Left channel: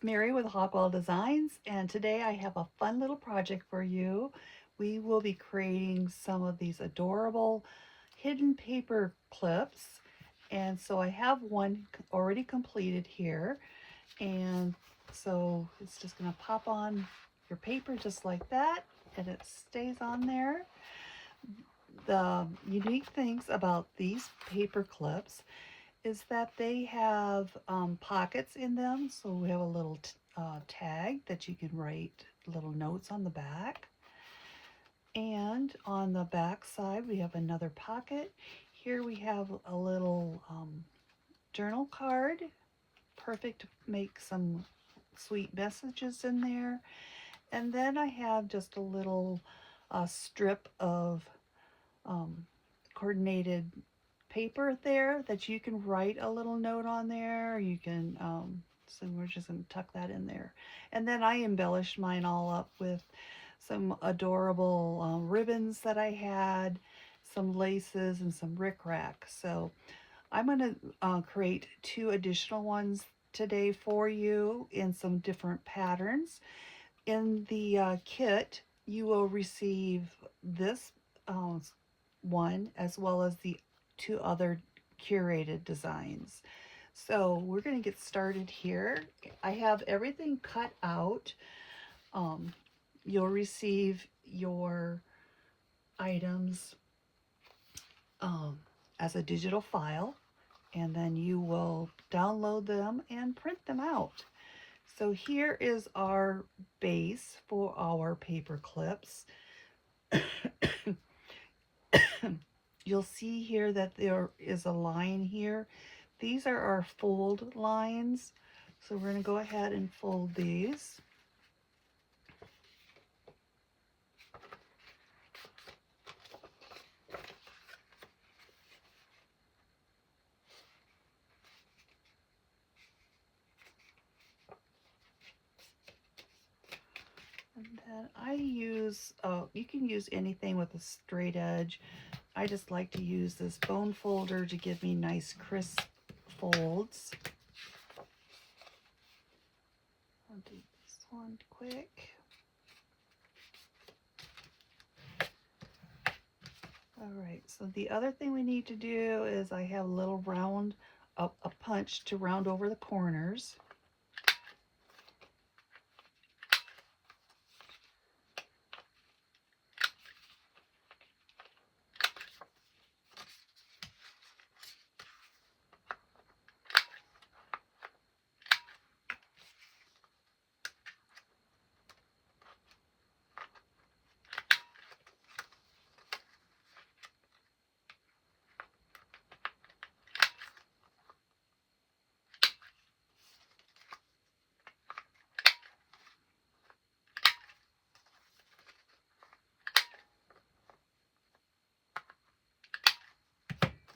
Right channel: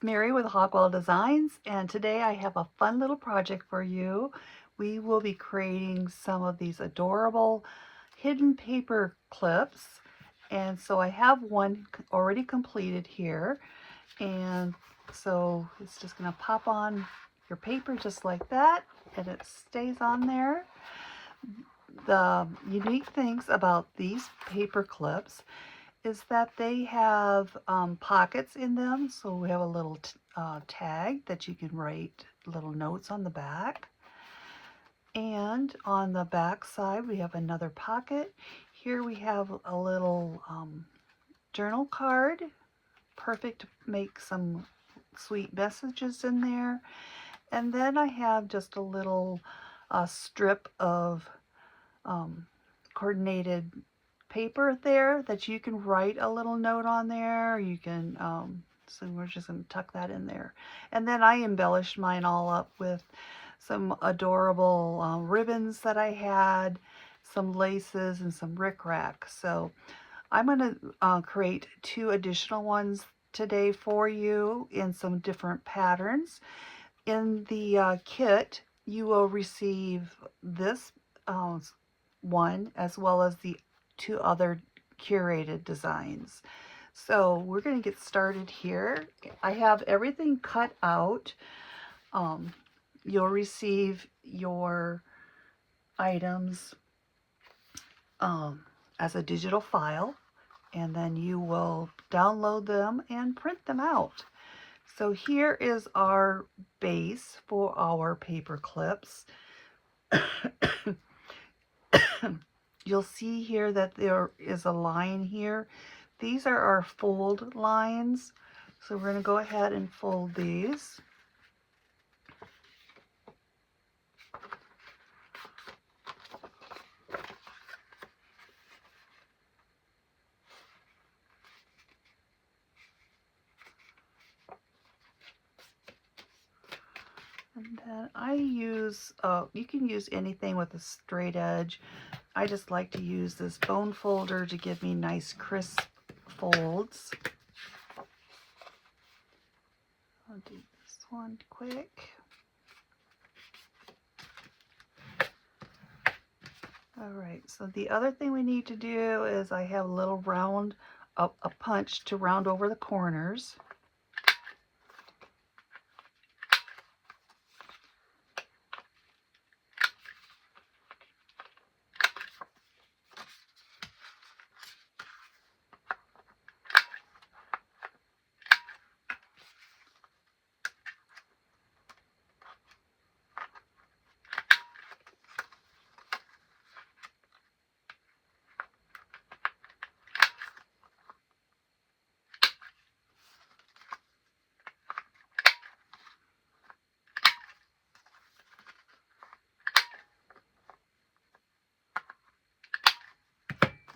it's Mary with Hogwell Designs, and today I have a fun little project for you. We will be creating some of these adorable hidden paper clips, and so I have one already completed here, and so it's just going to pop on your paper just like that, and it stays on there. The unique things about these paper clips is that they have pockets in them, so we have a little tag that you can write little notes on the back, and on the back side we have another pocket. Here we have a little journal card, perfect to make some sweet messages in there. And then I have just a little strip of coordinated paper there that you can write a little note on there. You can, so we're just going to tuck that in there. And then I embellished mine all up with some adorable ribbons that I had, some laces, and some rickrack. So I'm going to create 2 additional ones today for you in some different patterns. In the kit, you will receive this one as well as the 2 other curated designs. So we're going to get started here. I have everything cut out. You'll receive your items as a digital file, and then you will download them and print them out. So here is our base for our paper clips. You'll see here that there is a line here. These are our fold lines. So we're going to go ahead and fold these. And then I use, you can use anything with a straight edge. I just like to use this bone folder to give me nice crisp folds. I'll do this one quick. Alright, so the other thing we need to do is I have a little round, a punch to round over the corners.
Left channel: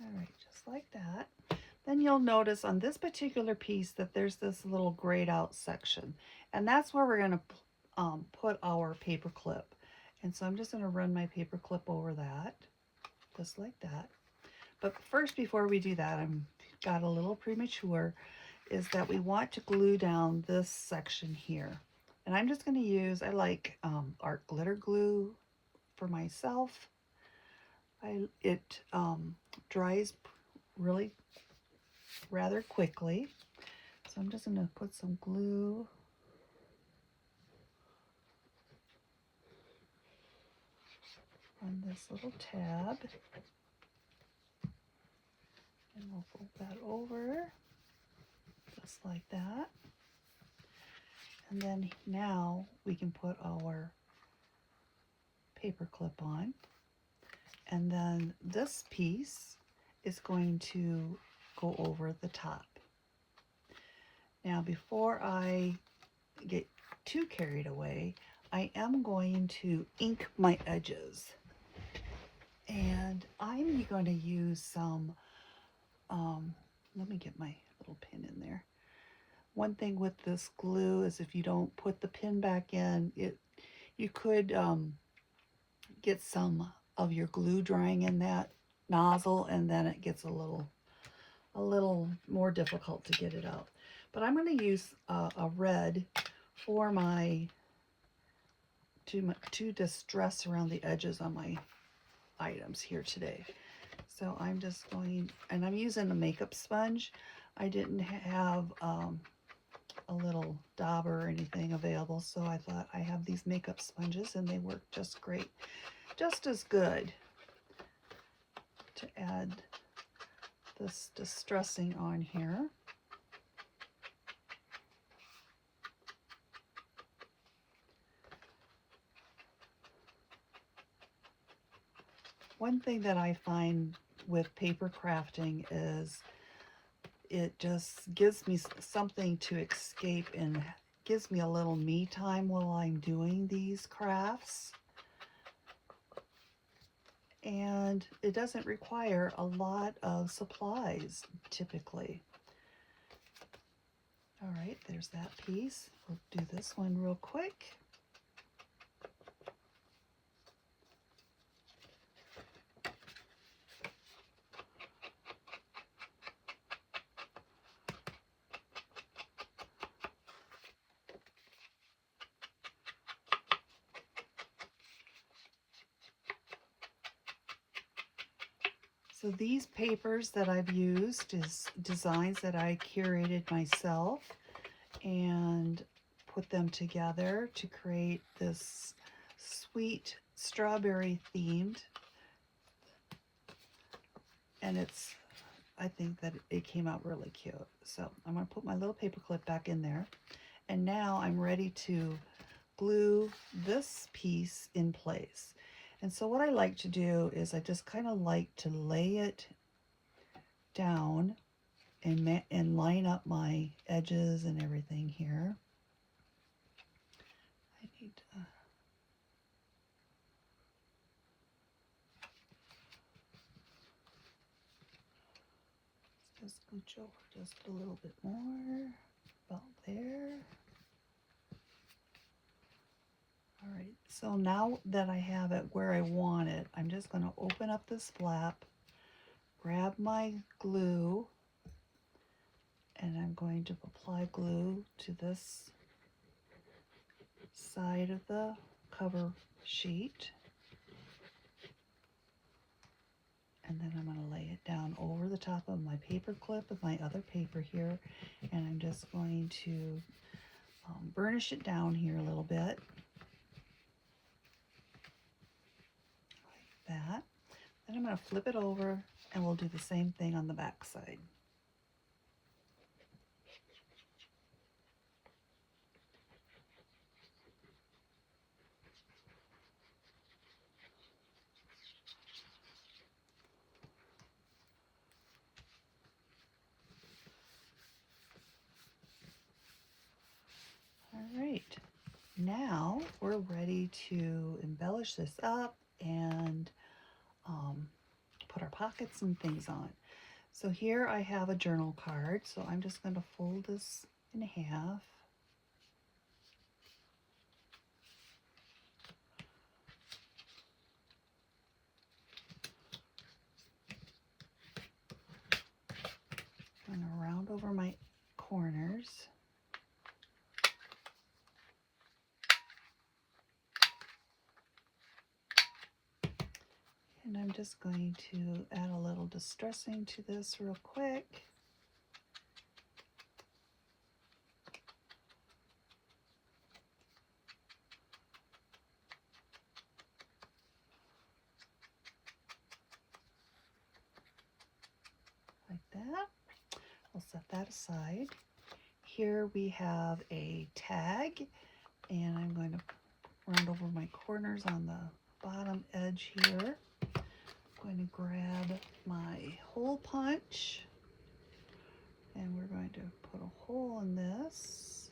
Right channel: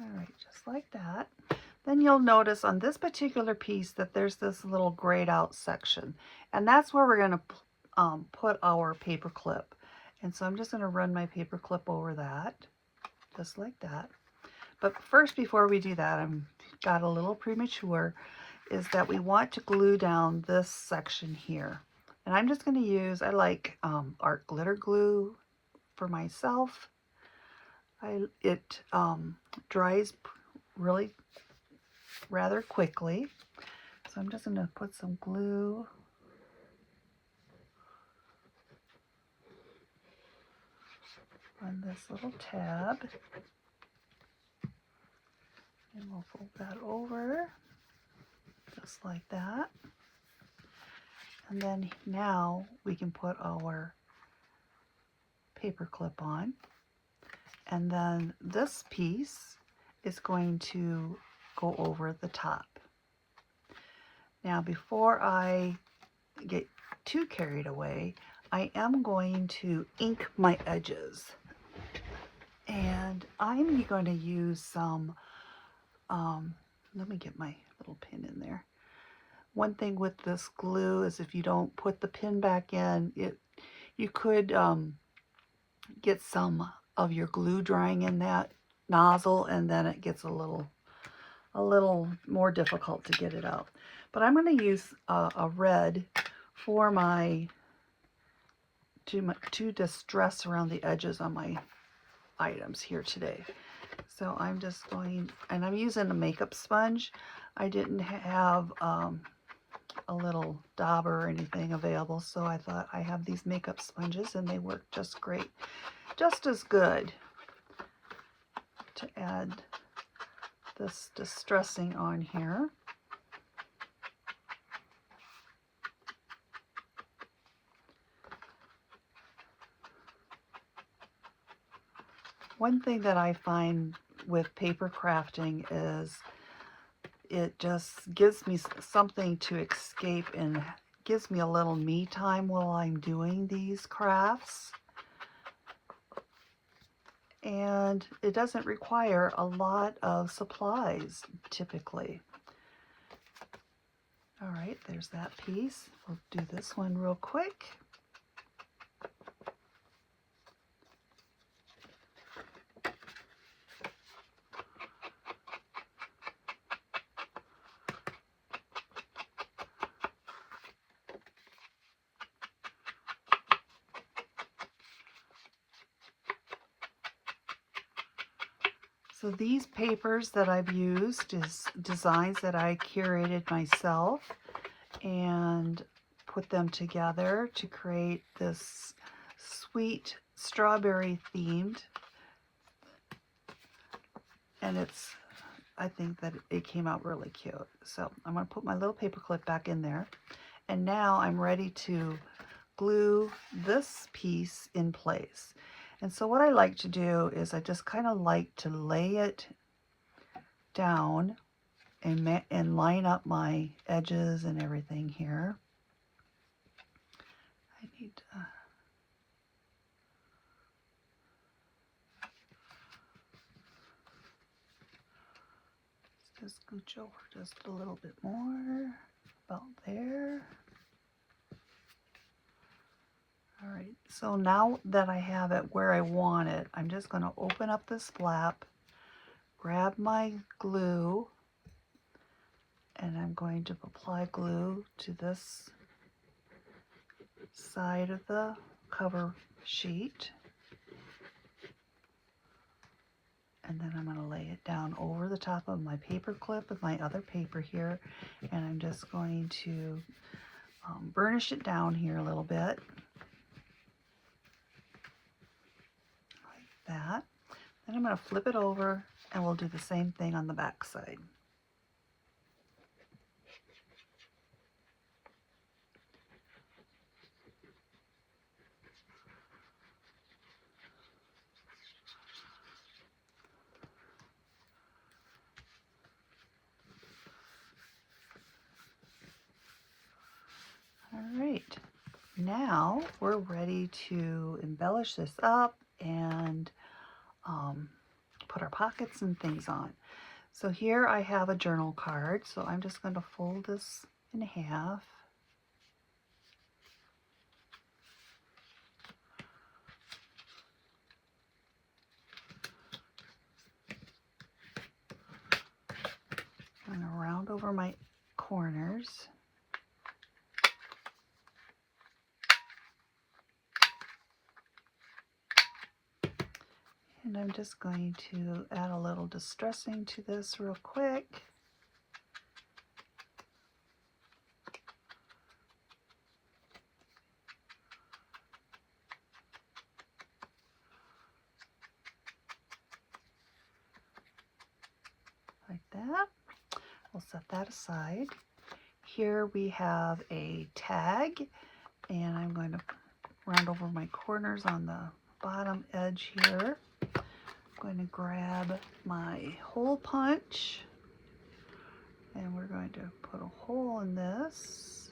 Alright, just like that. Then you'll notice on this particular piece that there's this little grayed out section, and that's where we're going to put our paper clip. And so I'm just going to run my paper clip over that, just like that. But first, before we do that, I'm got a little premature, is that we want to glue down this section here. And I'm just going to use, I like art glitter glue for myself. It dries really rather quickly. So I'm just going to put some glue on this little tab. And we'll fold that over just like that. And then now we can put our paper clip on. And then this piece is going to go over the top. Now, before I get too carried away, I am going to ink my edges. And I'm going to use some, let me get my little pin in there. One thing with this glue is if you don't put the pin back in, you could get some of your glue drying in that nozzle, and then it gets a little more difficult to get it out. But I'm going to use a red for to distress around the edges on my items here today. So I'm just going, and I'm using a makeup sponge. I didn't have a little dauber or anything available, so I thought I have these makeup sponges and they work just great, just as good to add this distressing on here. One thing that I find with paper crafting is it just gives me something to escape and gives me a little me time while I'm doing these crafts. And it doesn't require a lot of supplies typically. All right, there's that piece. We'll do this one real quick. So these papers that I've used is designs that I curated myself and put them together to create this sweet strawberry themed. And I think that it came out really cute. So I'm going to put my little paper clip back in there. And now I'm ready to glue this piece in place. And so what I like to do is I just kind of like to lay it down and line up my edges and everything here. I need to just scooch over just a little bit more, about there. All right, so now that I have it where I want it, I'm just going to open up this flap, grab my glue, and I'm going to apply glue to this side of the cover sheet. And then I'm going to lay it down over the top of my paper clip with my other paper here. And I'm just going to burnish it down here a little bit. That. Then I'm going to flip it over and we'll do the same thing on the back side. All right, now we're ready to embellish this up and put our pockets and things on. So here I have a journal card, so I'm just going to fold this in half. I'm going to round over my corners. And I'm just going to add a little distressing to this real quick. Like that. We'll set that aside. Here we have a tag, and I'm going to round over my corners on the bottom edge here. I'm going to grab my hole punch, and we're going to put a hole in this,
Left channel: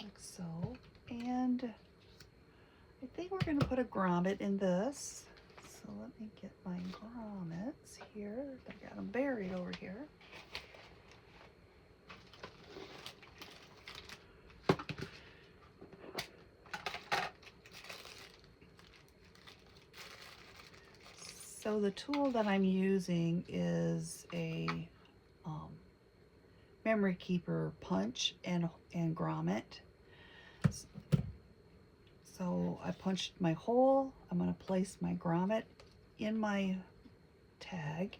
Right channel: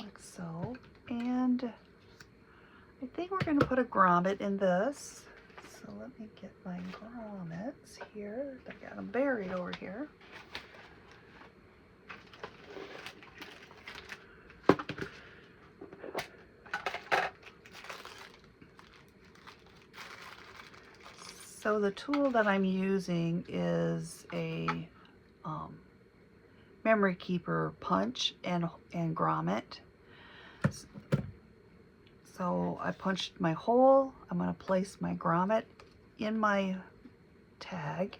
like so. And I think we're going to put a grommet in this. So let me get my grommets here. I got them buried over here. So the tool that I'm using is a memory keeper punch and grommet. So I punched my hole. I'm going to place my grommet in my tag,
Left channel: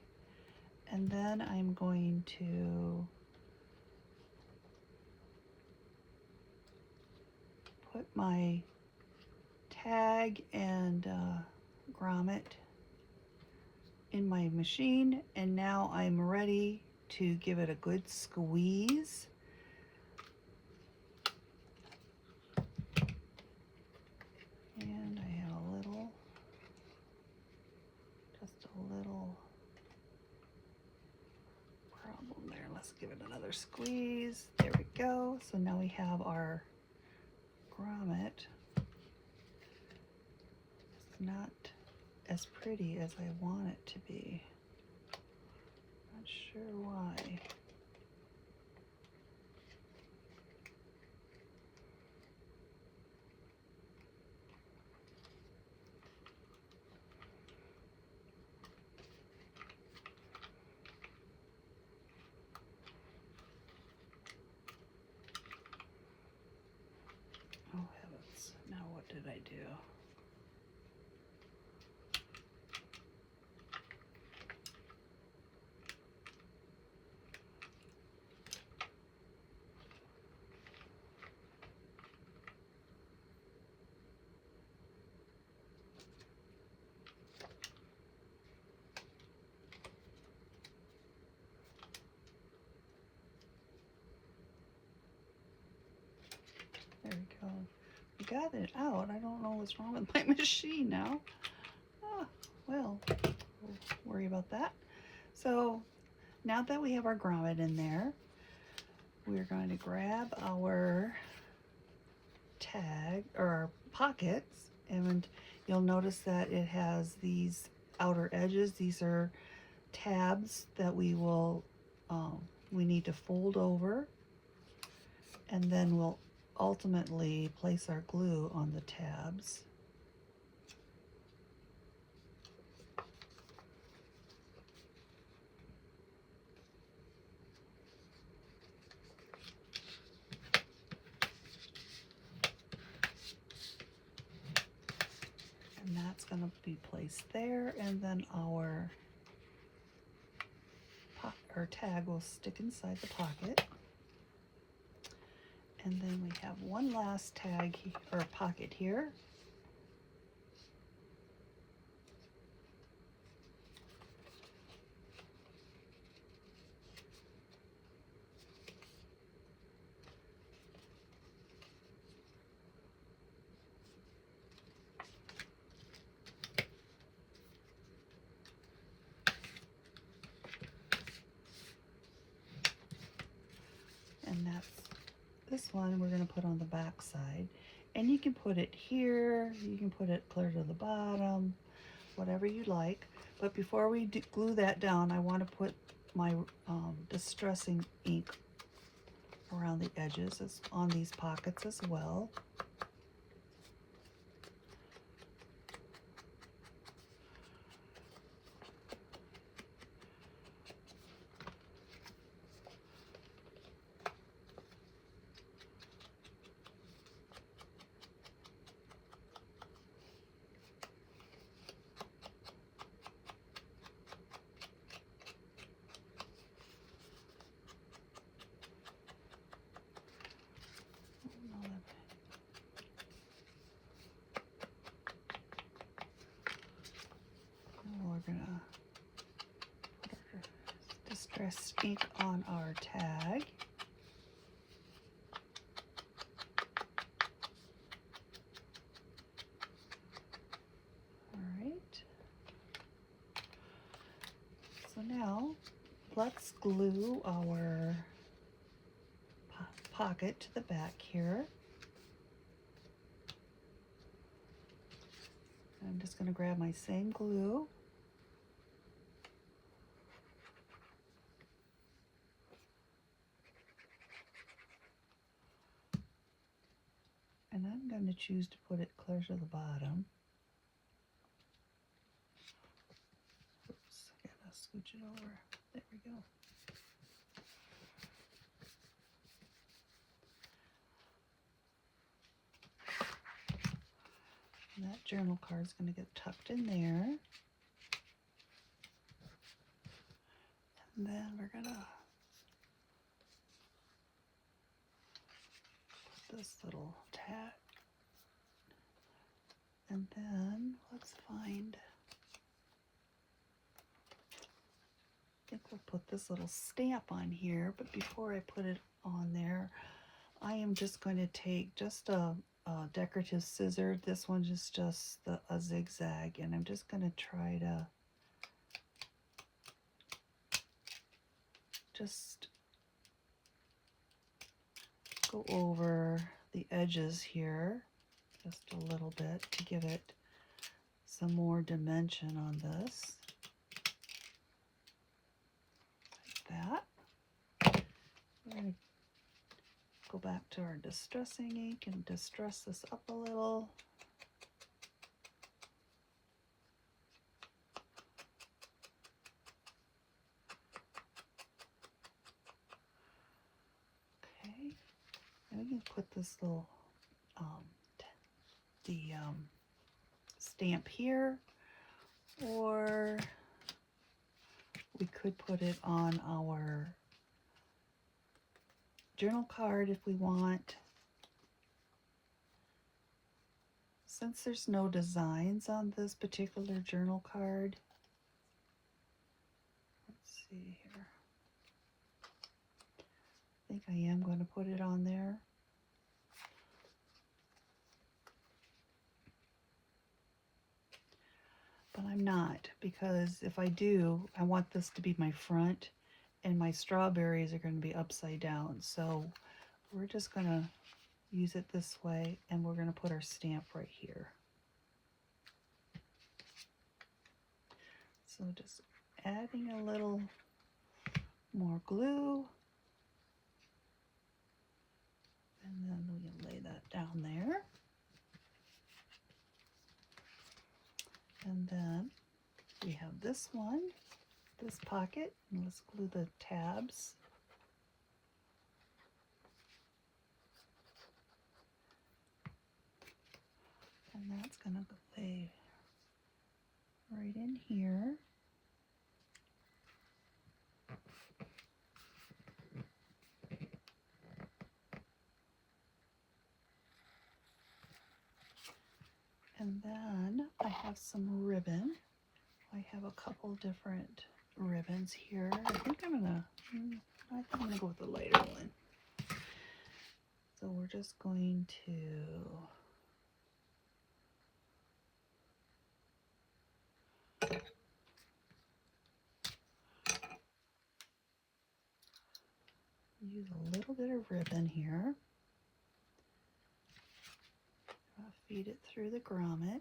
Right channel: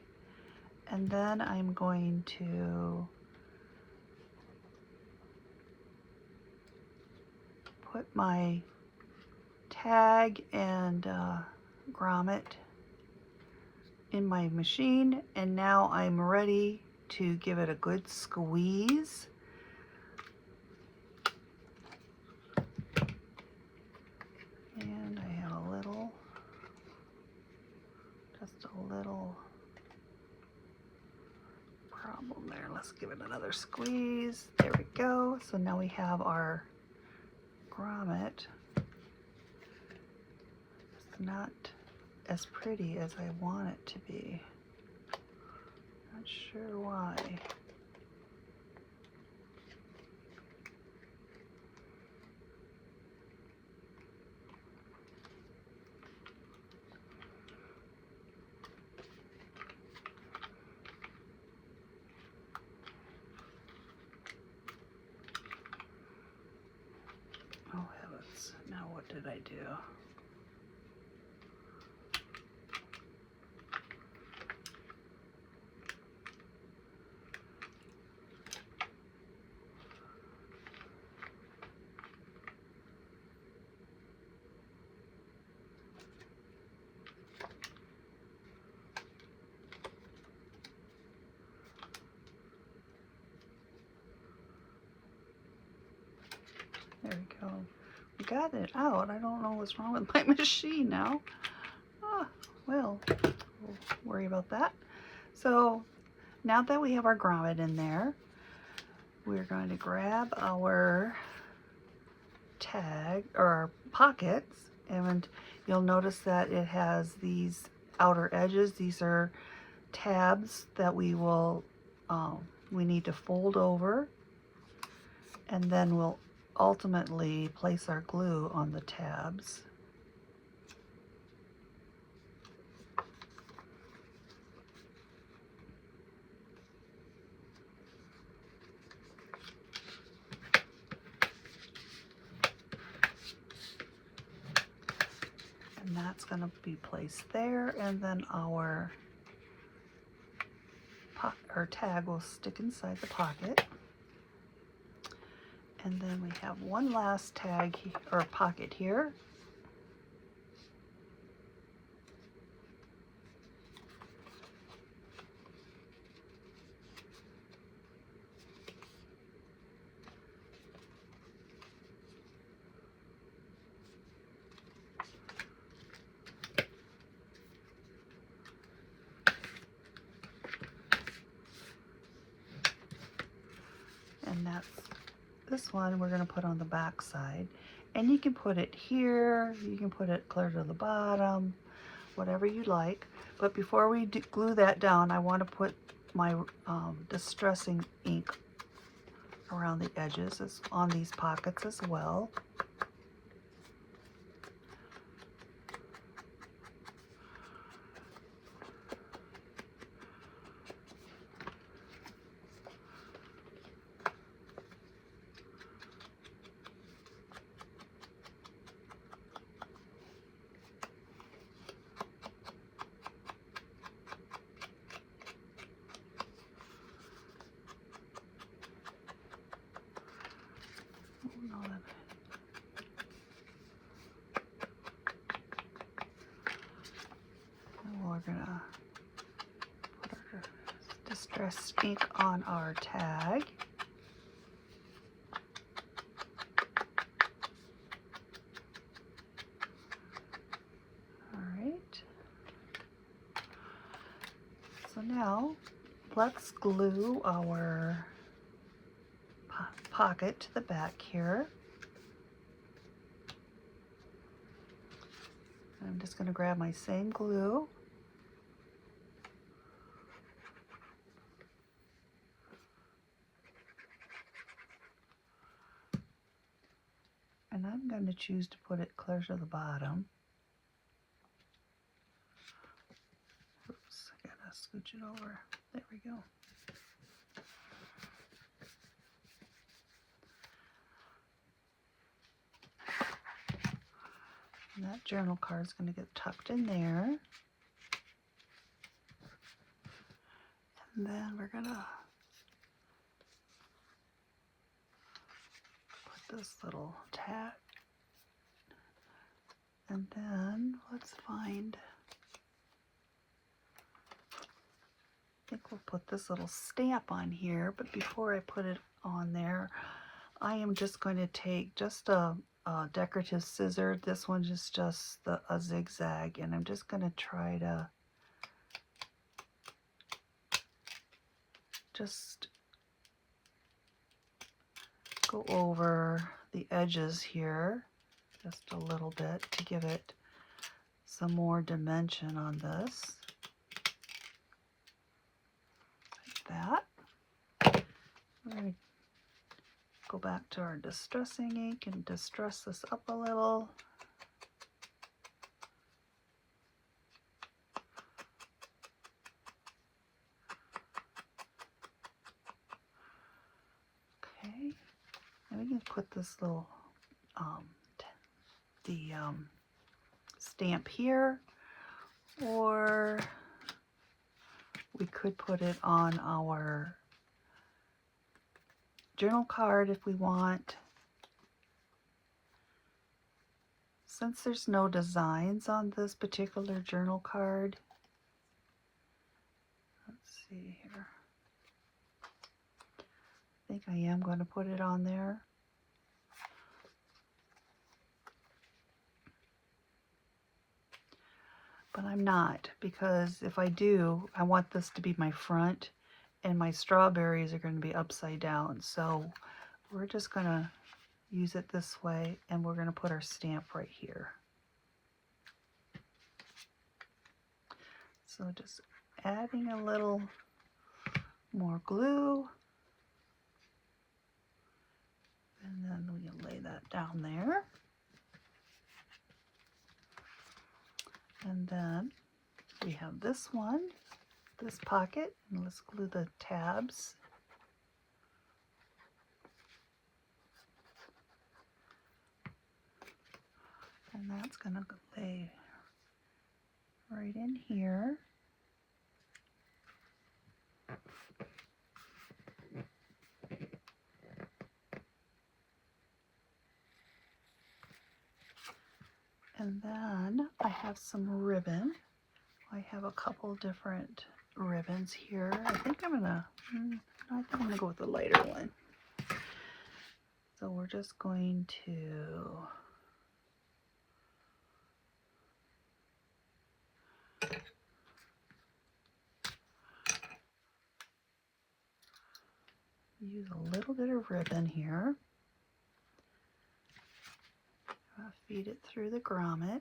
and then I'm going to put my tag and grommet in my machine, and now I'm ready to give it a good squeeze. And I have a little, just a little problem there. Let's give it another squeeze. There we go. So now we have our grommet. It's not as pretty as I want it to be. Not sure why. Oh heavens, now what did I do? There we go. We got it out. I don't know what's wrong with my machine now. Well, we'll worry about that. So now that we have our grommet in there, we're going to grab our tag or pockets, and you'll notice that it has these outer edges. These are tabs that we will we need to fold over, and then we'll ultimately place our glue on the tabs. And that's going to be placed there, and then our tag will stick inside the pocket. And then we have one last tag or pocket here. And that's this one we're going to put on the back side, and you can put it here, you can put it clear to the bottom, whatever you like. But before we glue that down, I want to put my distressing ink around the edges on these pockets as well. We're gonna put our distress ink on our tag. All right. So now let's glue our pocket to the back here. I'm just going to grab my same glue. And I'm going to choose to put it clear to the bottom. Oops, I gotta scooch it over. There we go. journal card is going to get tucked in there. And then we're going to put this little tag. And then let's find, I think we'll put this little stamp on here, but before I put it on there, I am just going to take just a decorative scissor. This one is just a zigzag, and I'm just going to try to just go over the edges here just a little bit to give it some more dimension on this. Like that. We're going to go back to our distressing ink and distress this up a little. Okay, and we can put this little stamp here, or we could put it on our journal card if we want. Since there's no designs on this particular journal card, let's see here. I think I am going to put it on there. But I'm not, because if I do, I want this to be my front, and my strawberries are going to be upside down. So we're just going to use it this way, and we're going to put our stamp right here. So just adding a little more glue, and then we can lay that down there. And then we have this one, this pocket, and let's glue the tabs. And that's going to lay right in here. And then I have some ribbon. I have a couple different ribbons here. I think I'm gonna go with the lighter one. So we're just going to use a little bit of ribbon here. Feed it through the grommet.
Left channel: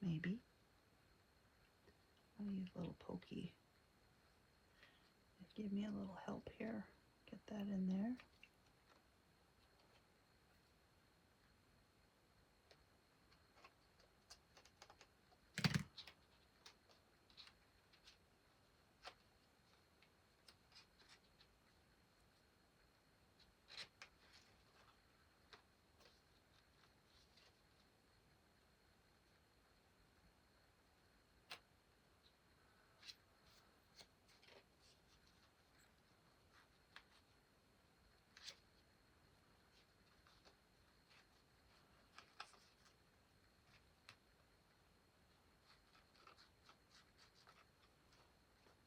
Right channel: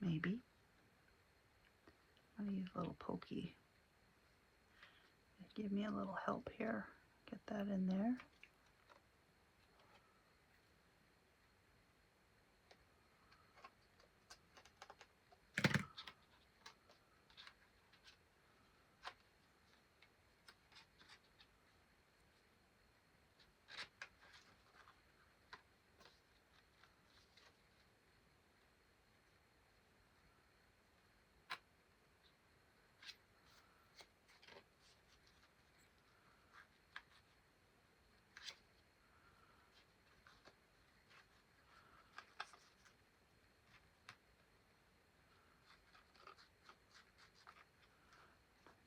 Maybe. Let me use a little pokey. Give me a little help here. Get that in there.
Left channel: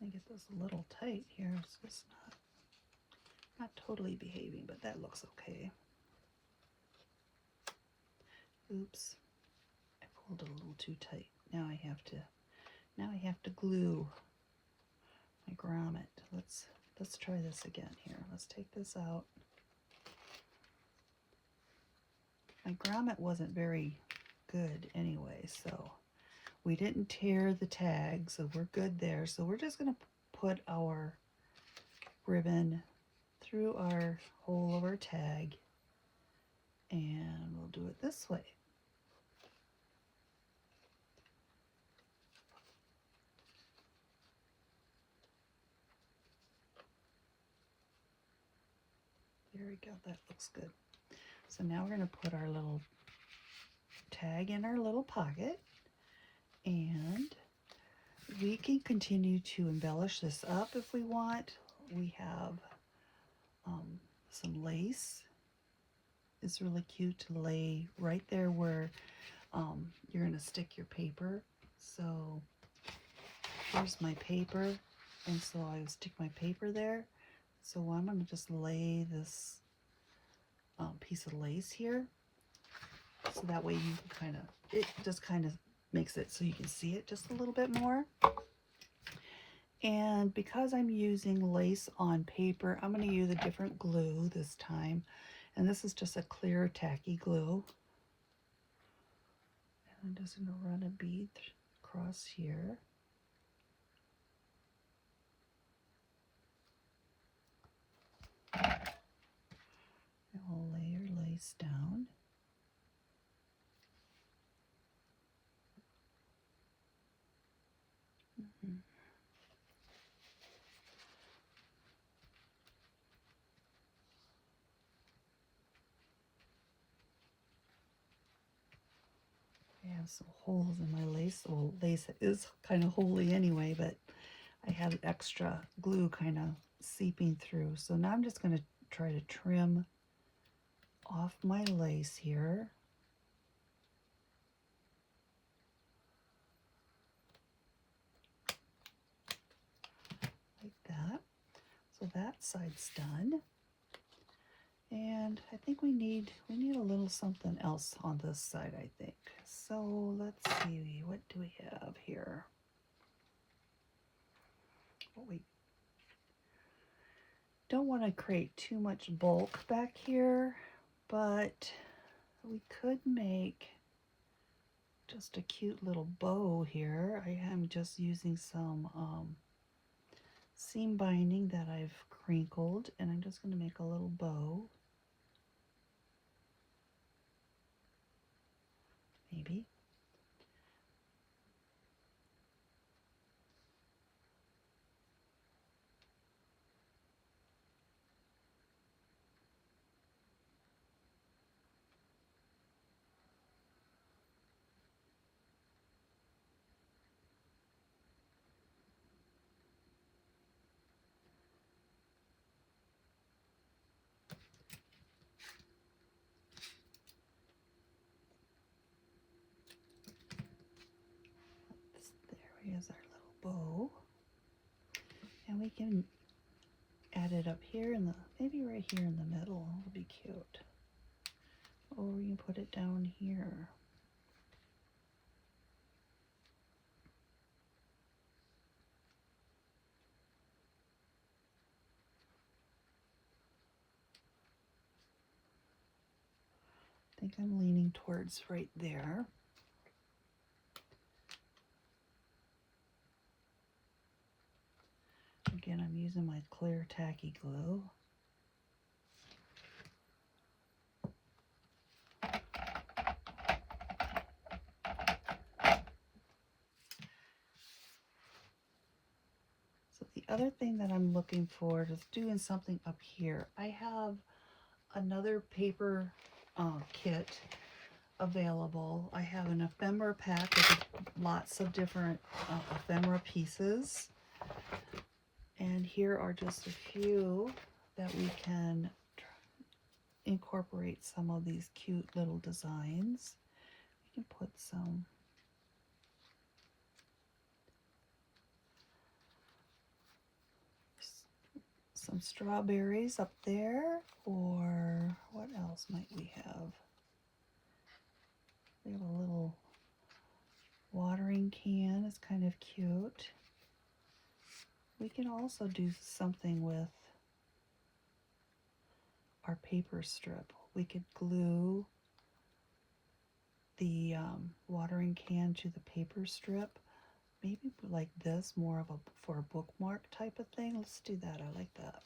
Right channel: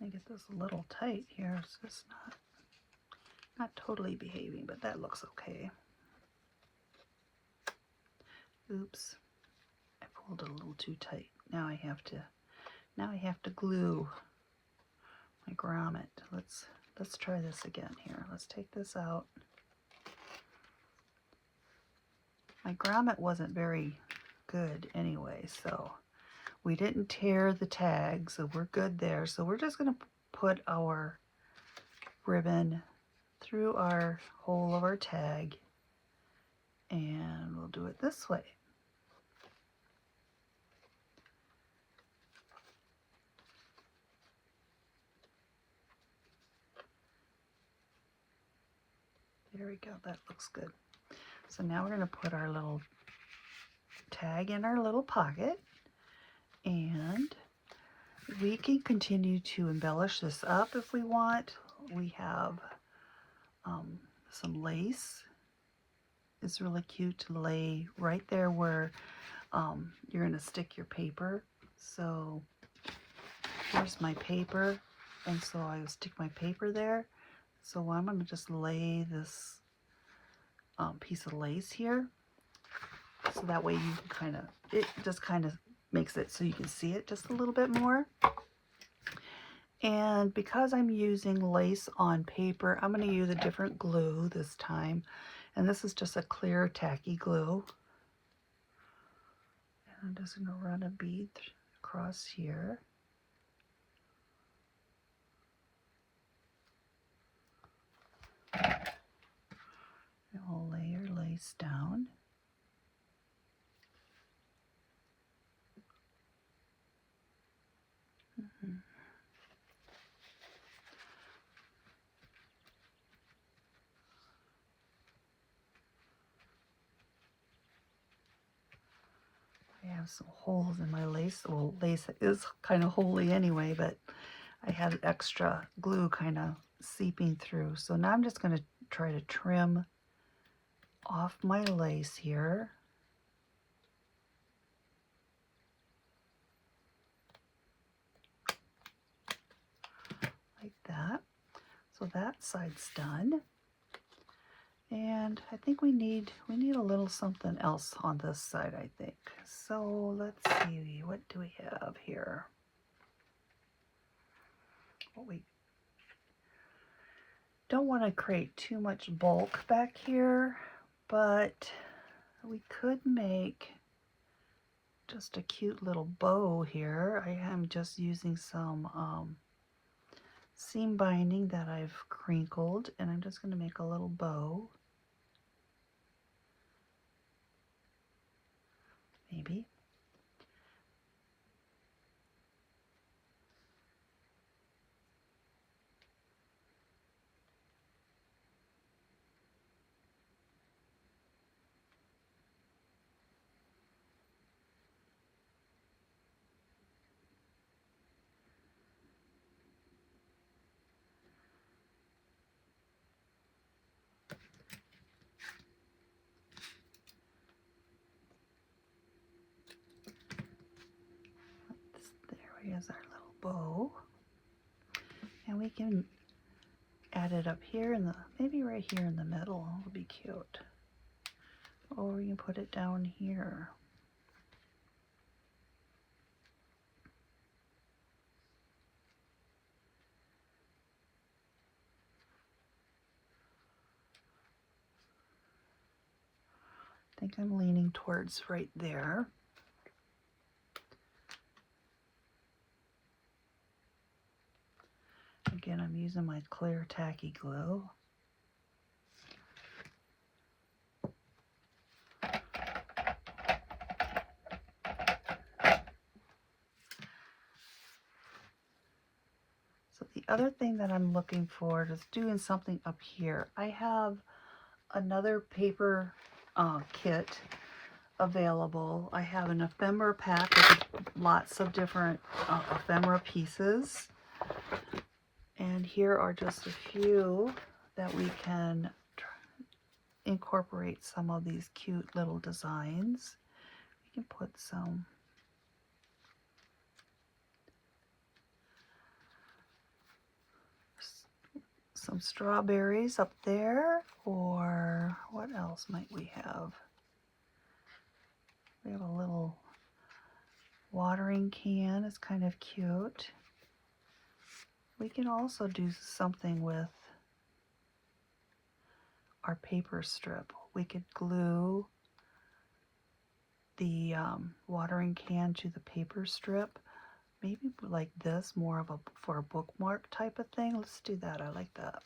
I get this a little tight here, so it's not totally behaving, but that looks okay. Oops, I pulled it a little too tight. Now I have to glue my grommet. Let's try this again here. Let's take this out. My grommet wasn't very good anyway, so we didn't tear the tag, so we're good there. So we're just going to put our ribbon through our hole of our tag, and we'll do it this way. There we go, that looks good. So now we're going to put our little tag in our little pocket, and we can continue to embellish this up if we want. We have some lace. It's really cute to lay right there where you're going to stick your paper. So here's my paper, and so I will stick my paper there. So I'm going to just lay this piece of lace here, so that way you can kind of, it just kind of makes it so you can see it just a little bit more. And because I'm using lace on paper, I'm going to use a different glue this time. And this is just a clear tacky glue. And I'm just going to run a bead across here. And we'll lay your lace down. I have some holes in my lace. Well, lace is kind of holy anyway, but I had extra glue kind of seeping through. So now I'm just going to try to trim off my lace here. Like that. So that side's done. And I think we need a little something else on this side, I think. So let's see, what do we have here? Well, we don't want to create too much bulk back here, but we could make just a cute little bow here. I am just using some seam binding that I've crinkled, and I'm just going to make a little bow. Maybe. There is our little bow. And we can add it up here in the, maybe right here in the middle would be cute. Or we can put it down here. I think I'm leaning towards right there. Again, I'm using my clear tacky glue. So the other thing that I'm looking for is doing something up here. I have another paper kit available. I have an ephemera pack with lots of different ephemera pieces. And here are just a few that we can incorporate some of these cute little designs. You can put some strawberries up there, or what else might we have? We have a little watering can. It's kind of cute. We can also do something with our paper strip. We could glue the watering can to the paper strip. Maybe like this, more of a for a bookmark type of thing. Let's do that. I like that.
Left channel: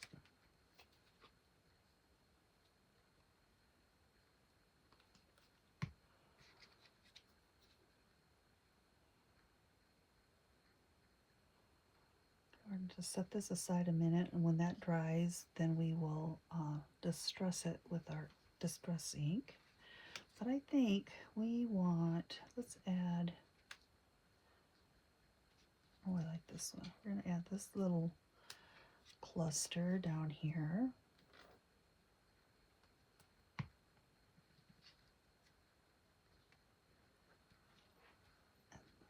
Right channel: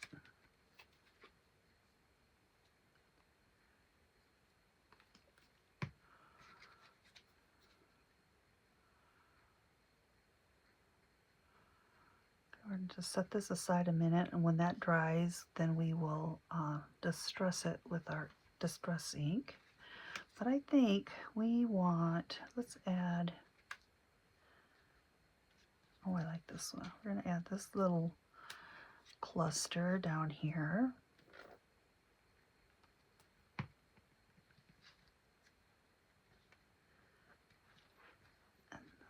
We're going to just set this aside a minute, and when that dries, then we will distress it with our distress ink. But I think we want, let's add, oh, I like this one. We're going to add this little cluster down here.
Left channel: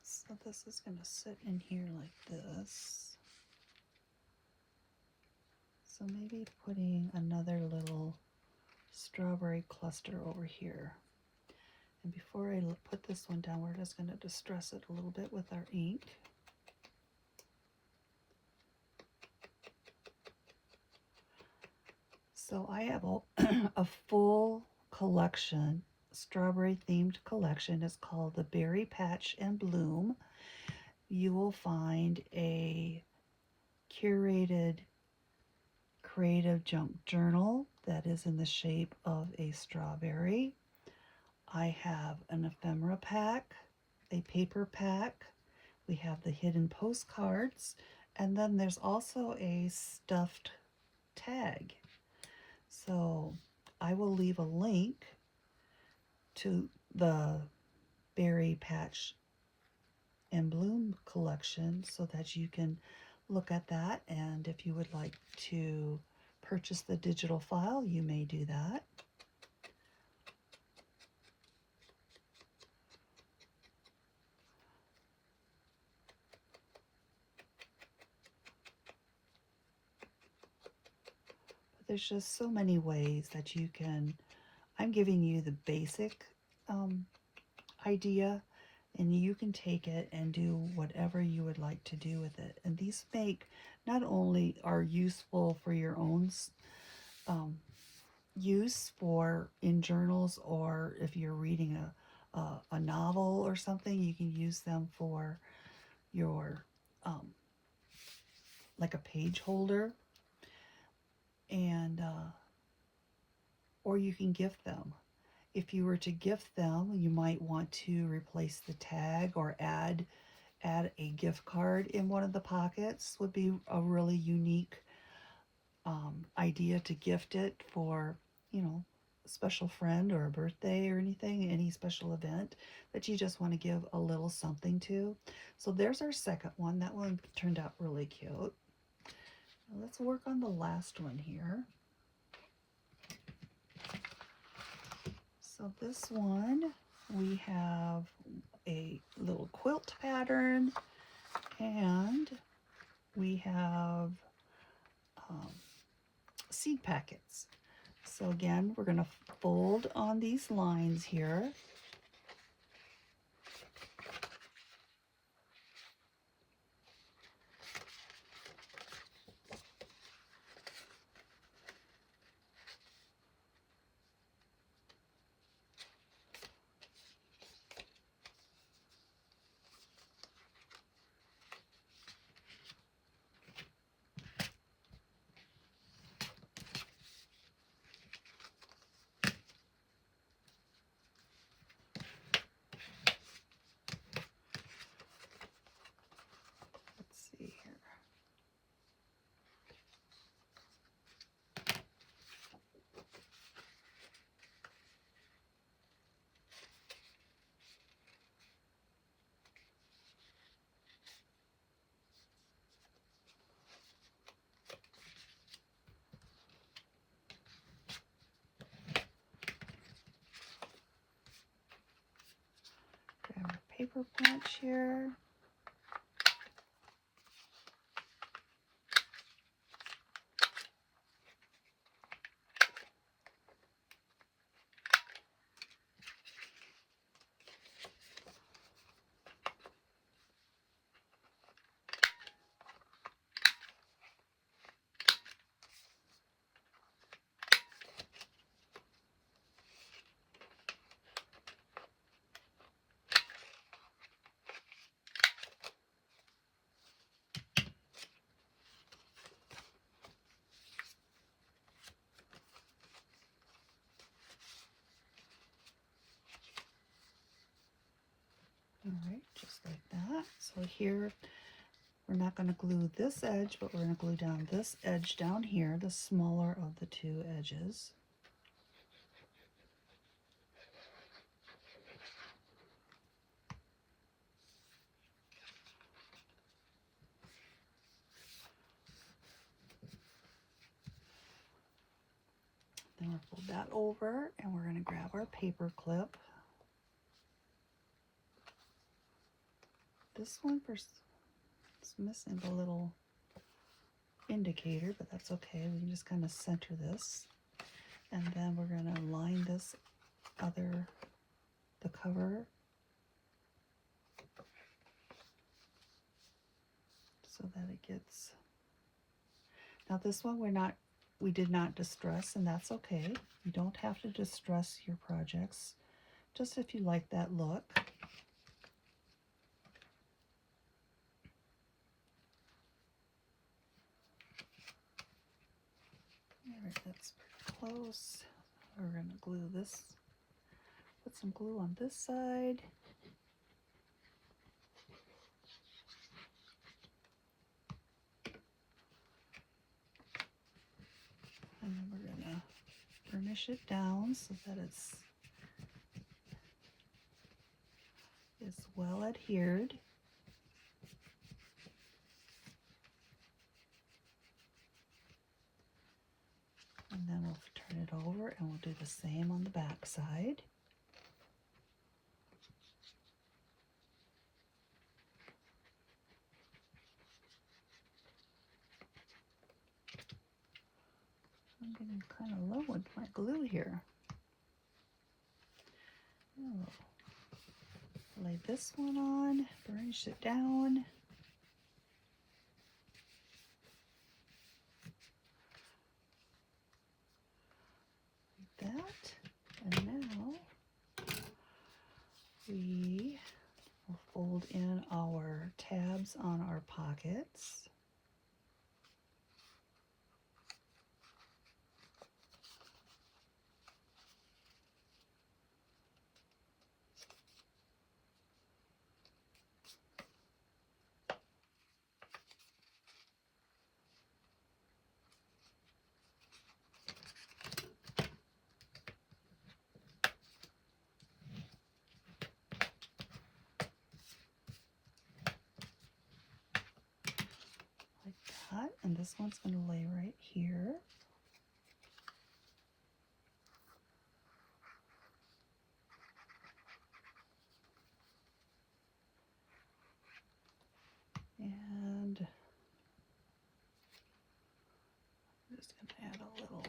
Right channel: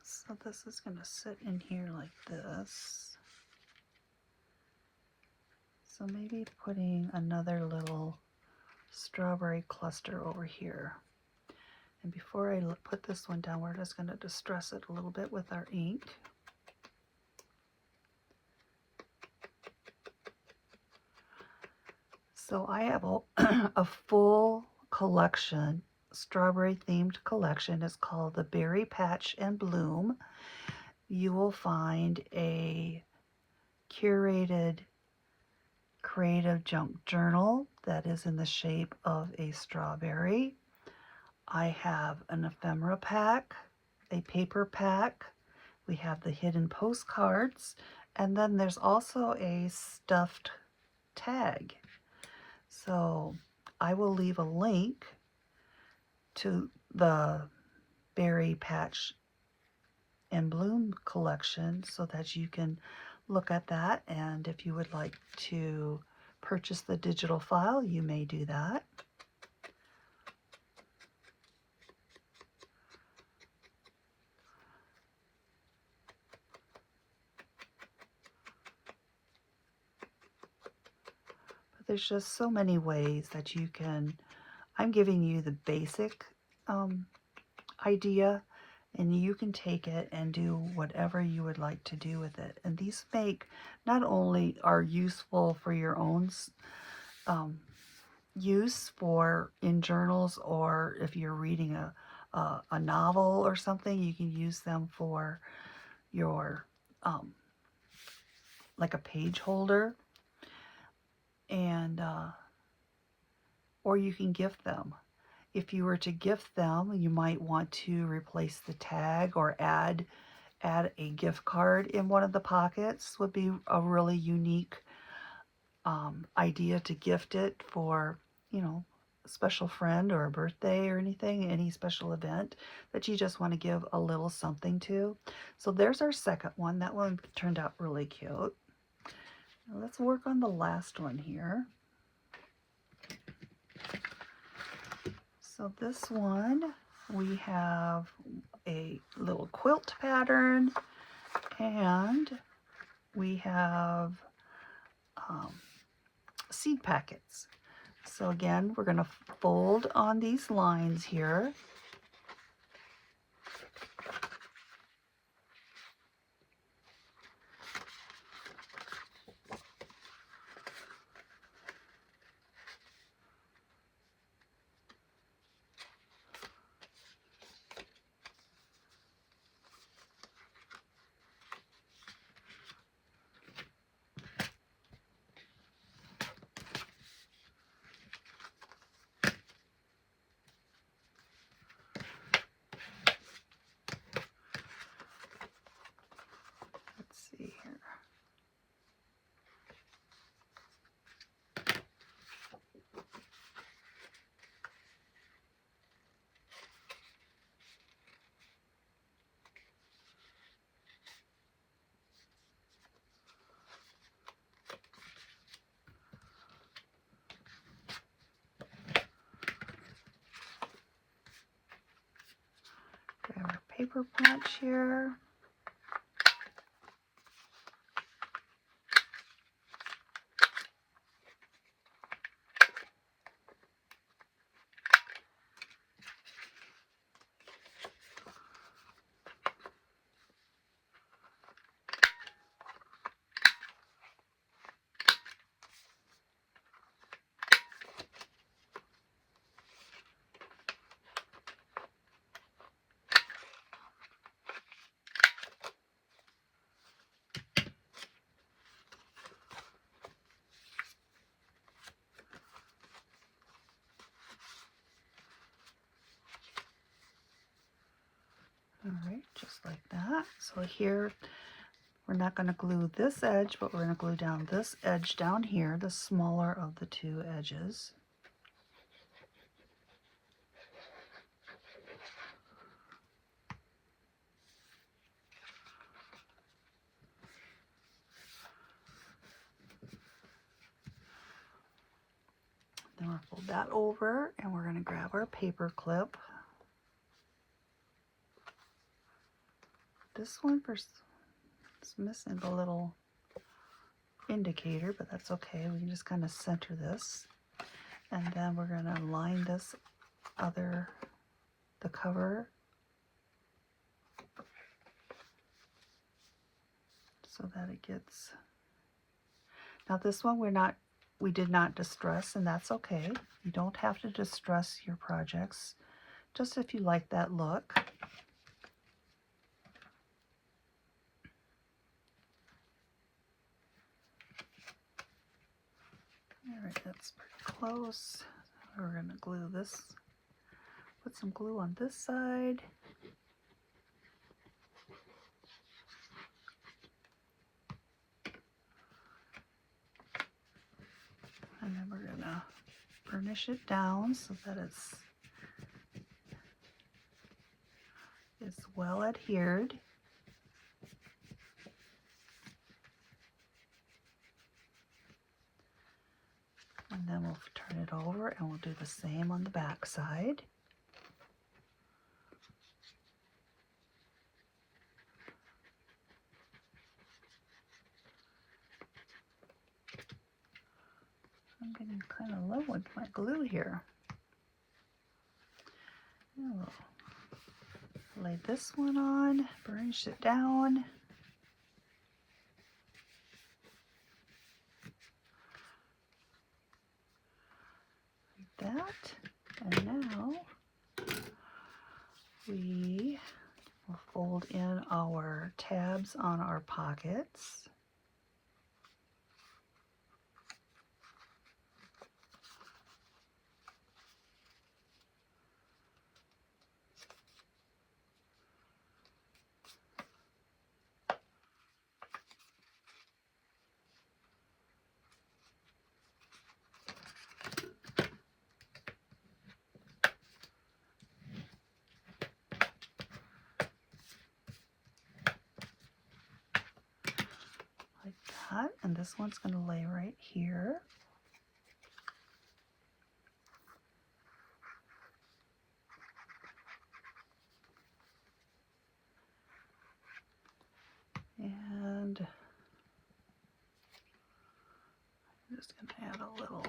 So this is going to sit in here like this. So maybe putting another little strawberry cluster over here. And before I put this one down, we're just going to distress it a little bit with our ink. So I have a full collection, strawberry themed collection. It's called the Berry Patch and Bloom. You will find a curated creative junk journal that is in the shape of a strawberry. I have an ephemera pack, a paper pack. We have the hidden postcards, and then there's also a stuffed tag. So I will leave a link to the Berry Patch and Bloom collection so that you can look at that, and if you would like to purchase the digital file, you may do that. But there's just so many ways that you can, I'm giving you the basic idea, and you can take it and do whatever you would like to do with it. And these make, not only are useful for your own use for in journals, or if you're reading a novel or something, you can use them for your like a page holder, and or you can gift them. If you were to gift them, you might want to replace the tag or add a gift card in one of the pockets. Would be a really unique idea to gift it for, you know, a special friend or a birthday or anything, any special event that you just want to give a little something to. So there's our second one. That one turned out really cute. Now let's work on the last one here. So this one, we have a little quilt pattern, and we have seed packets. So again, we're going to fold on these lines here. Our paper punch here. All right, just like that. So here, we're not going to glue this edge, but we're going to glue down this edge down here, the smaller of the two edges. that over, and we're going to grab our paper clip. This one is missing the little indicator, but that's okay. We can just kind of center this, and then we're going to line this the cover, so that it gets. Now this one we did not distress, and that's okay. You don't have to distress your projects, just if you like that look. All right, that's pretty close. We're going to glue this, put some glue on this side. And then we're going to burnish it down so that it's well adhered. And then we'll turn it over and we'll do the same on the back side. I'm getting kind of low with my glue here. I'll lay this one on, burnish it down. Like that. And now we will fold in our tabs on our pockets. And this one's going to lay right here. And I'm just going to add a little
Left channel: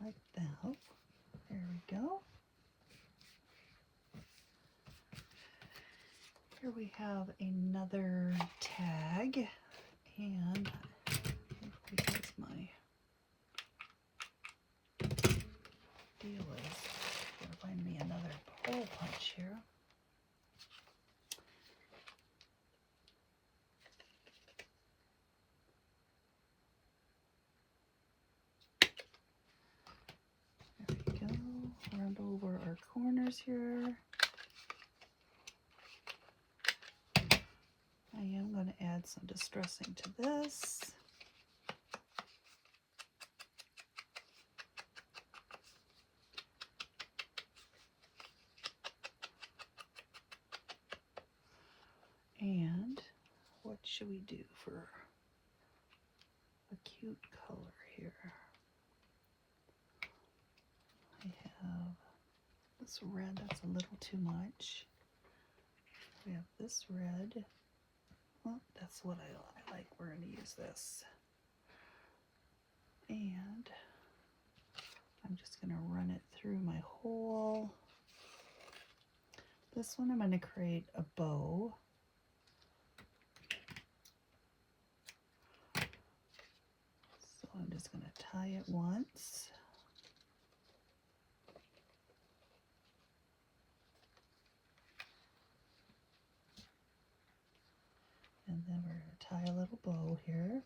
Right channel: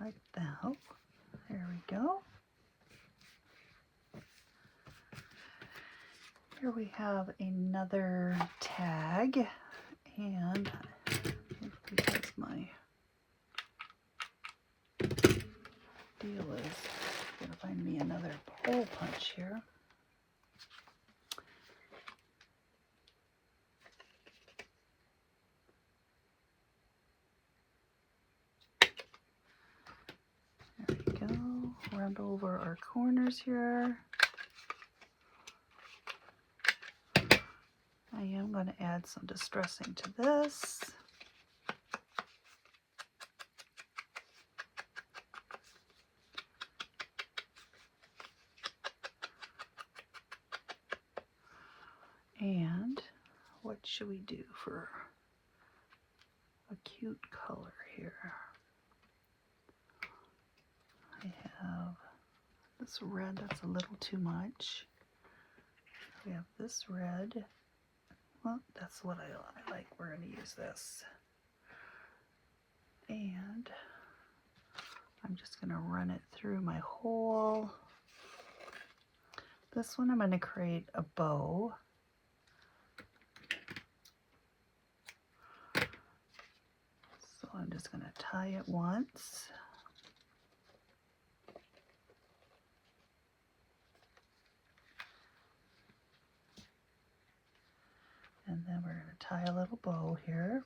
like that. There we go. Here we have another tag, and because my deal is gonna find me another hole punch here. There we go. Round over our corners here. I am going to add some distressing to this. And what should we do for a cute color here? I have this red that's a little too much. We have this red. Well, that's what I like. We're going to use this. And I'm just going to run it through my hole. This one I'm going to create a bow. So I'm just going to tie it once. And then we're going to tie a little bow here.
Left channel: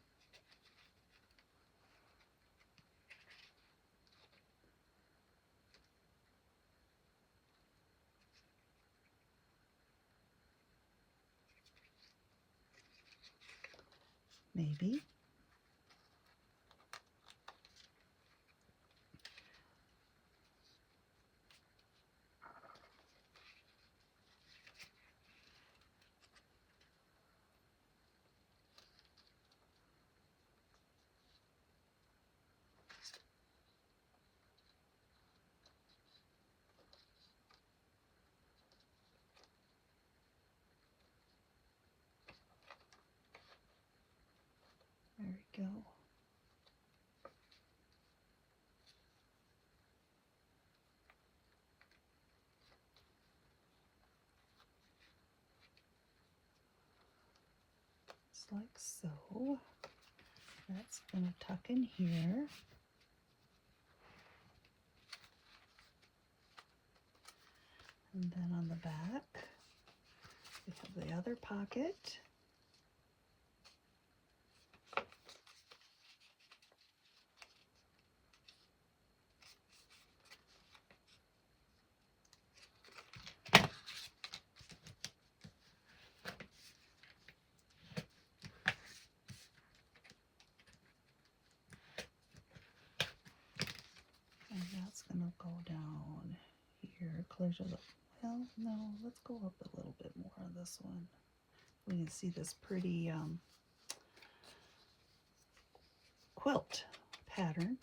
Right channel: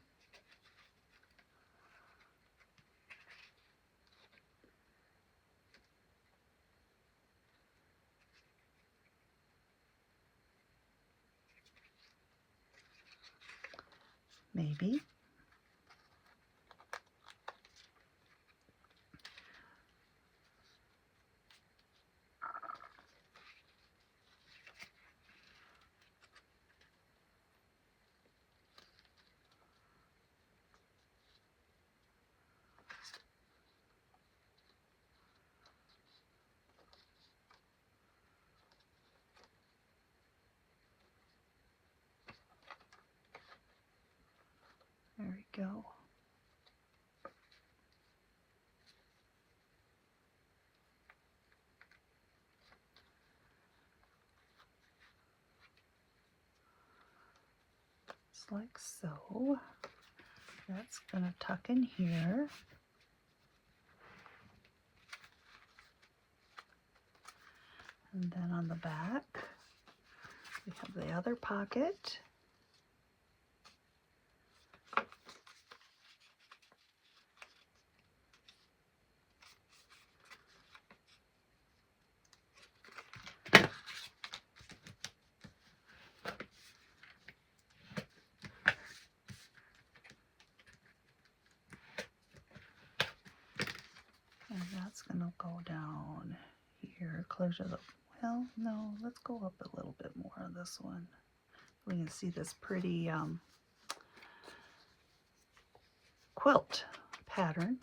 maybe. There we go. Just like so. That's going to tuck in here. And then on the back, we have the other pocket. And that's going to go down here, closer to the, well, no, let's go up a little bit more on this one. We can see this pretty quilt pattern.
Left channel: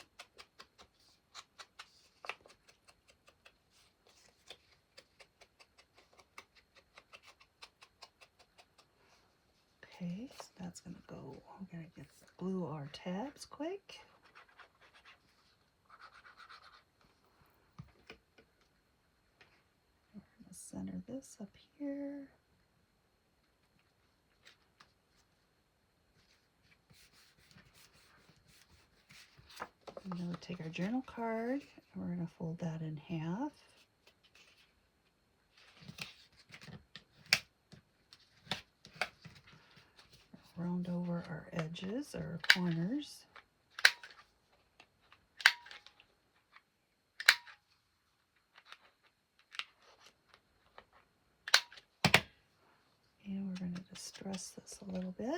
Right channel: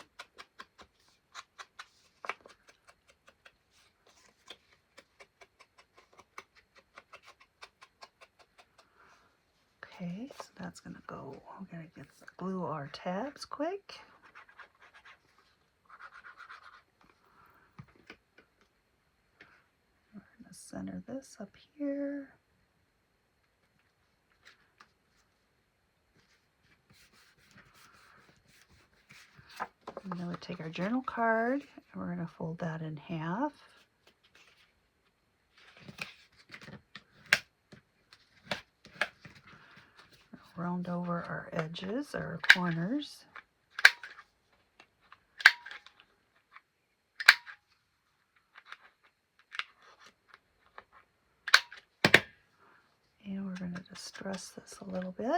Okay, so that's going to go, we're going to glue our tabs quick. We're going to center this up here. And then we take our journal card and we're going to fold that in half. Round over our edges, our corners. And we're going to distress this a little bit.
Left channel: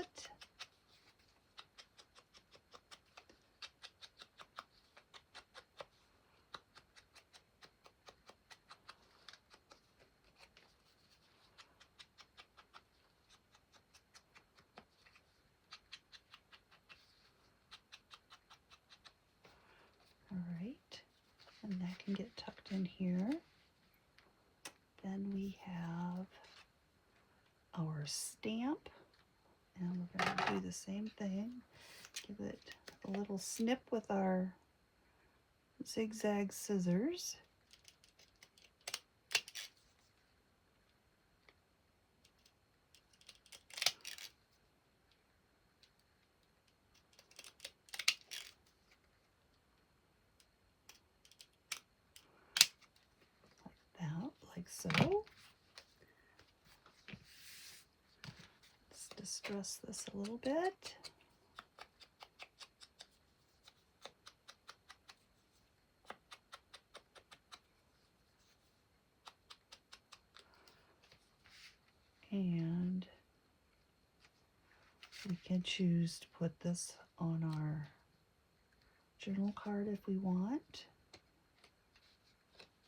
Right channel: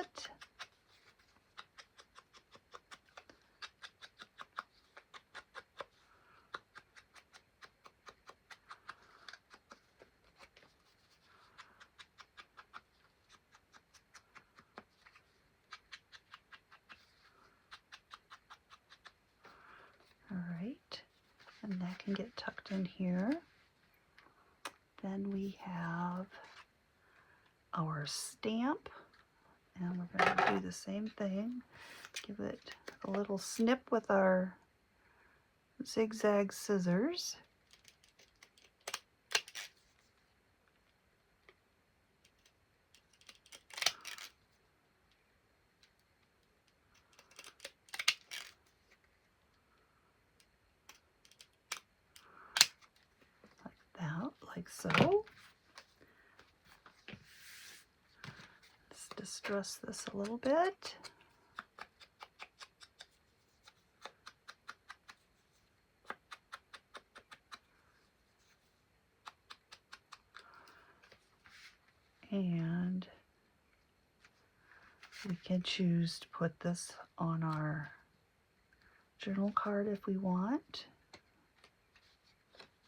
Alright, and that can get tucked in here. Then we have our stamp, and we're going to do the same thing. Give it a little snip with our zigzag scissors. Like so. Let's distress this a little bit. And we can choose to put this on our journal card if we want.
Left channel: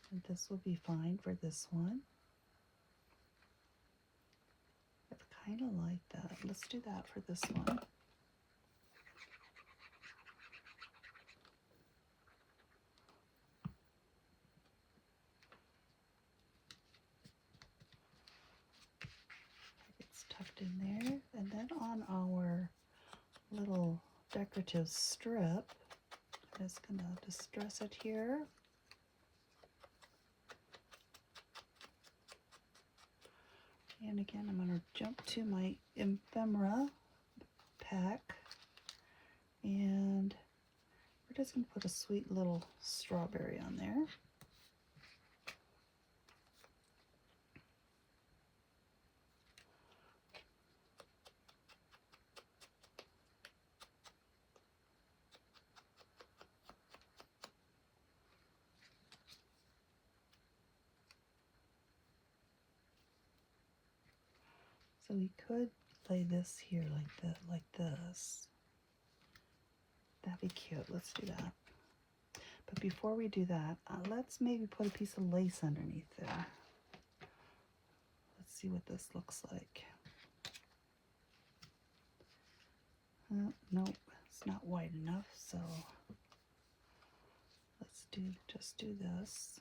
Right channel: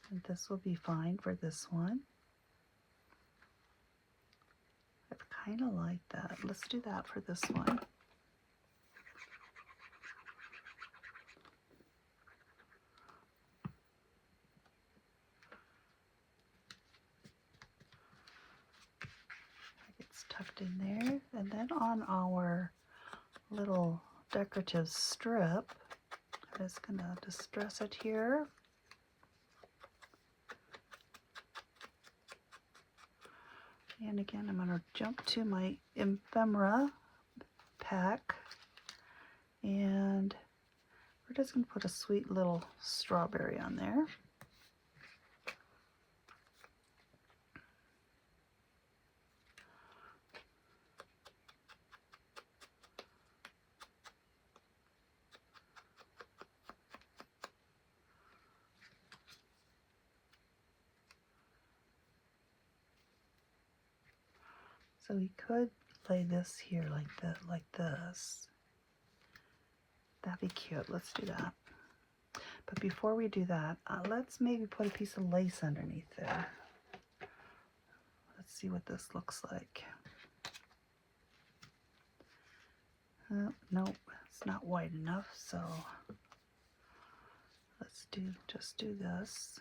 And this will be fine for this one. I kind of like that. Let's do that for this one. It's tucked in there. And then on our little decorative strip, I'm just going to distress it here. And again, I'm going to jump to my Ephemera Pack, and we're just going to put a sweet little strawberry on there. So we could lay this here like this. That'd be cute. Let's do that. But before we do that, let's maybe put a piece of lace underneath there. Let's see what this looks like. Nope, it's not wide enough, so let's just do this.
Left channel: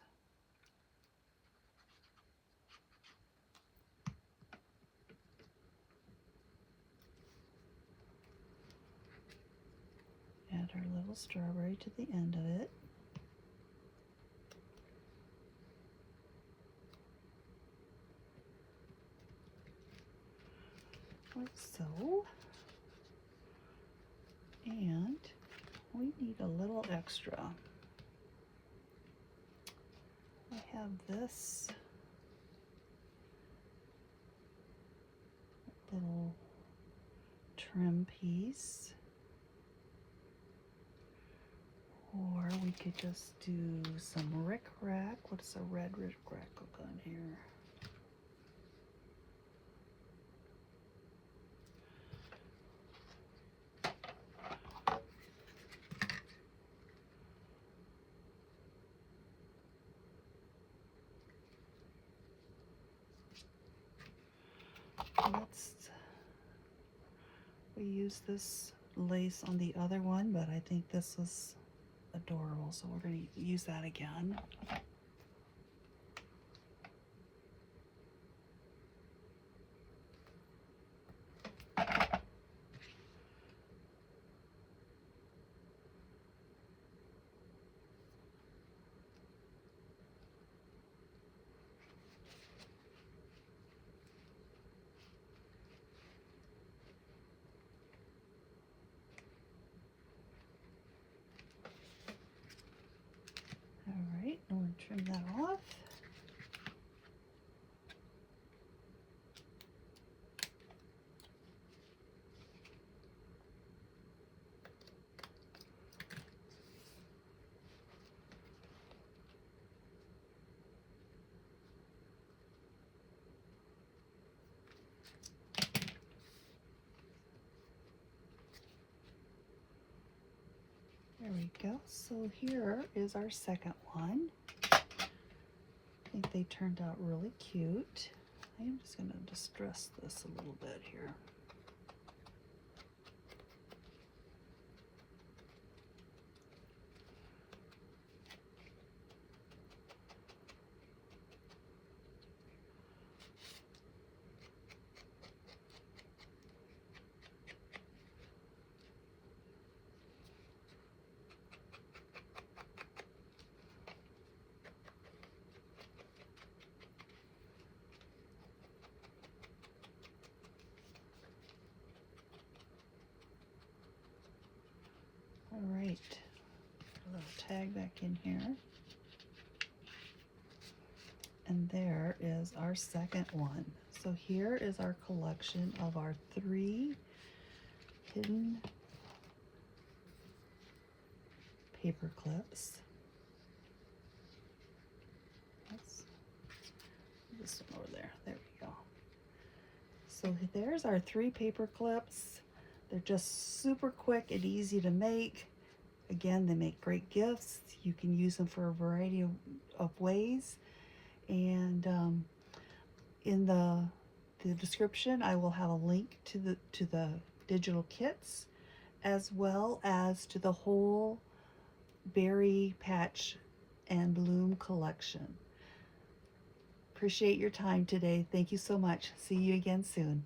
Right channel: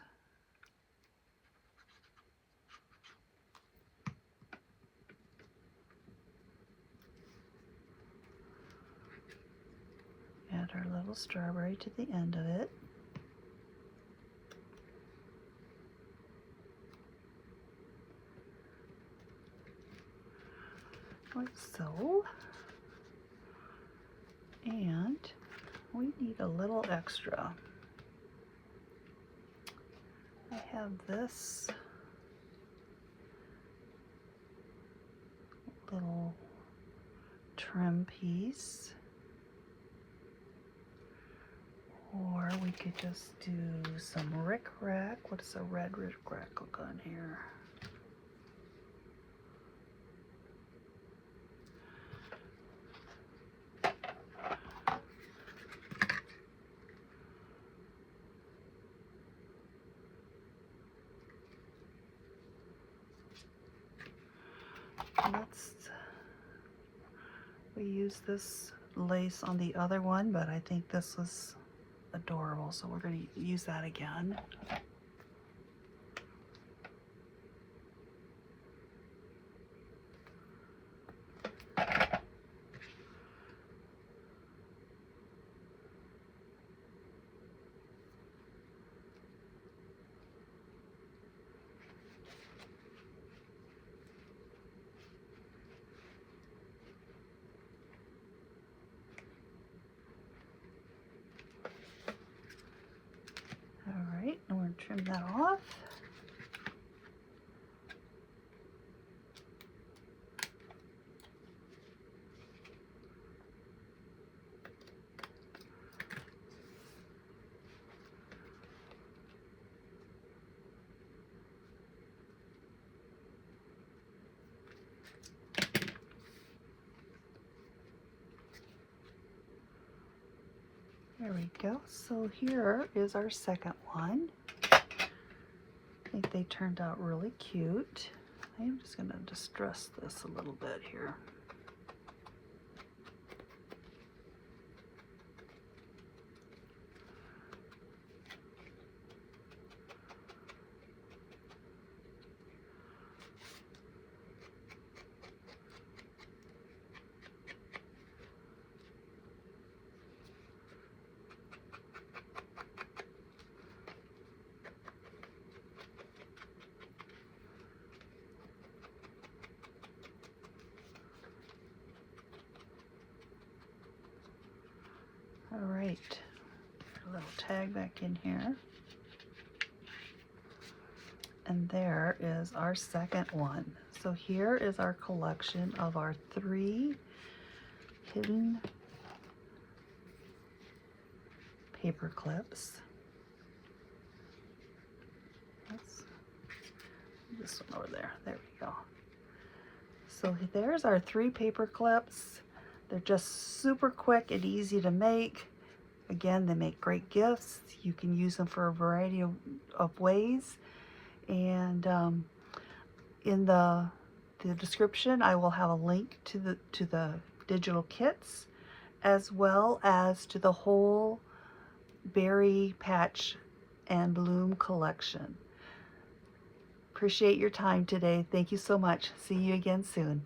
Add our little strawberry to the end of it. Like so. And we need a little extra. I have this little trim piece. Or we could just do some rickrack. What does a red rickrack look on here? We used this lace on the other one, but I think this was adorable, so we're going to use that again. Alright, I'm going to trim that off. There we go. So here is our second one. I think they turned out really cute. I'm just going to distress this a little bit here. All right, a little tag back in here. And there is our second one. So here is our collection of our 3 hidden paper clips. This one over there. There we go. So there's our 3 paper clips. They're just super quick and easy to make. Again, they make great gifts. You can use them for a variety of ways. And in the description, I will have a link to the digital kits, as well as to the whole berry patch and bloom collection. Appreciate your time today. Thank you so much. See you again soon.